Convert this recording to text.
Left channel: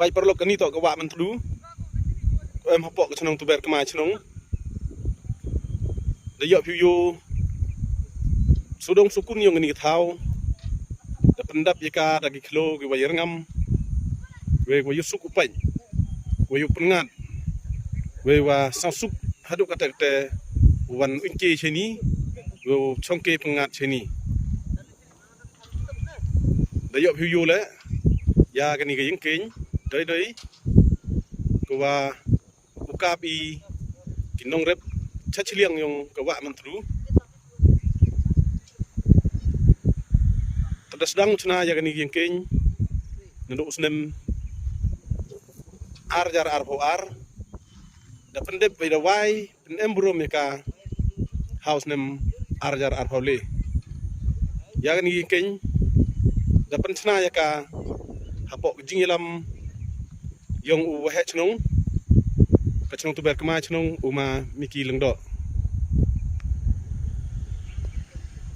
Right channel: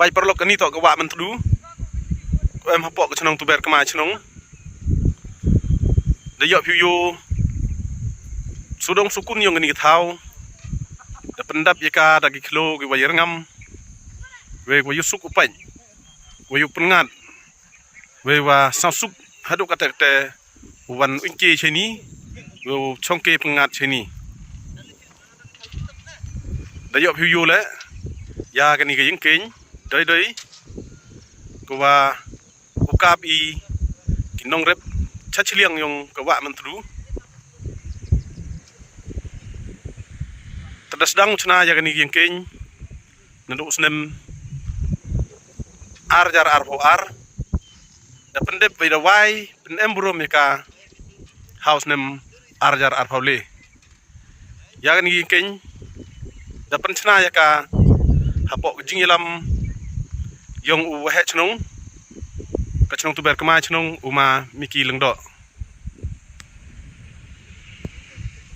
bay perlu kini tok kawak mentru em hapok ke cenong tu ber kemai cenong dayok piu sudong sukun yang gini tahu da pendap yaka dagi kilo ki wayar ngam we wayu suk upai wayu pengat we wa sasuk haduk kata kata wan unke cheni we chongke pengat cheni dayok piu le ya gini ke yengking doi kuwa ukap i kinong rep chachiliang yung kawa mentru terdasdang cina ya gani yengking nanduk usnem jar arpo ar da pendep bai dawai penem burom yaka house nem jar arpo le ya gani yengking da pencina yaka hapok jingyelam yung uwahe cenong kacang tu berkemai cenong uma miki lengdok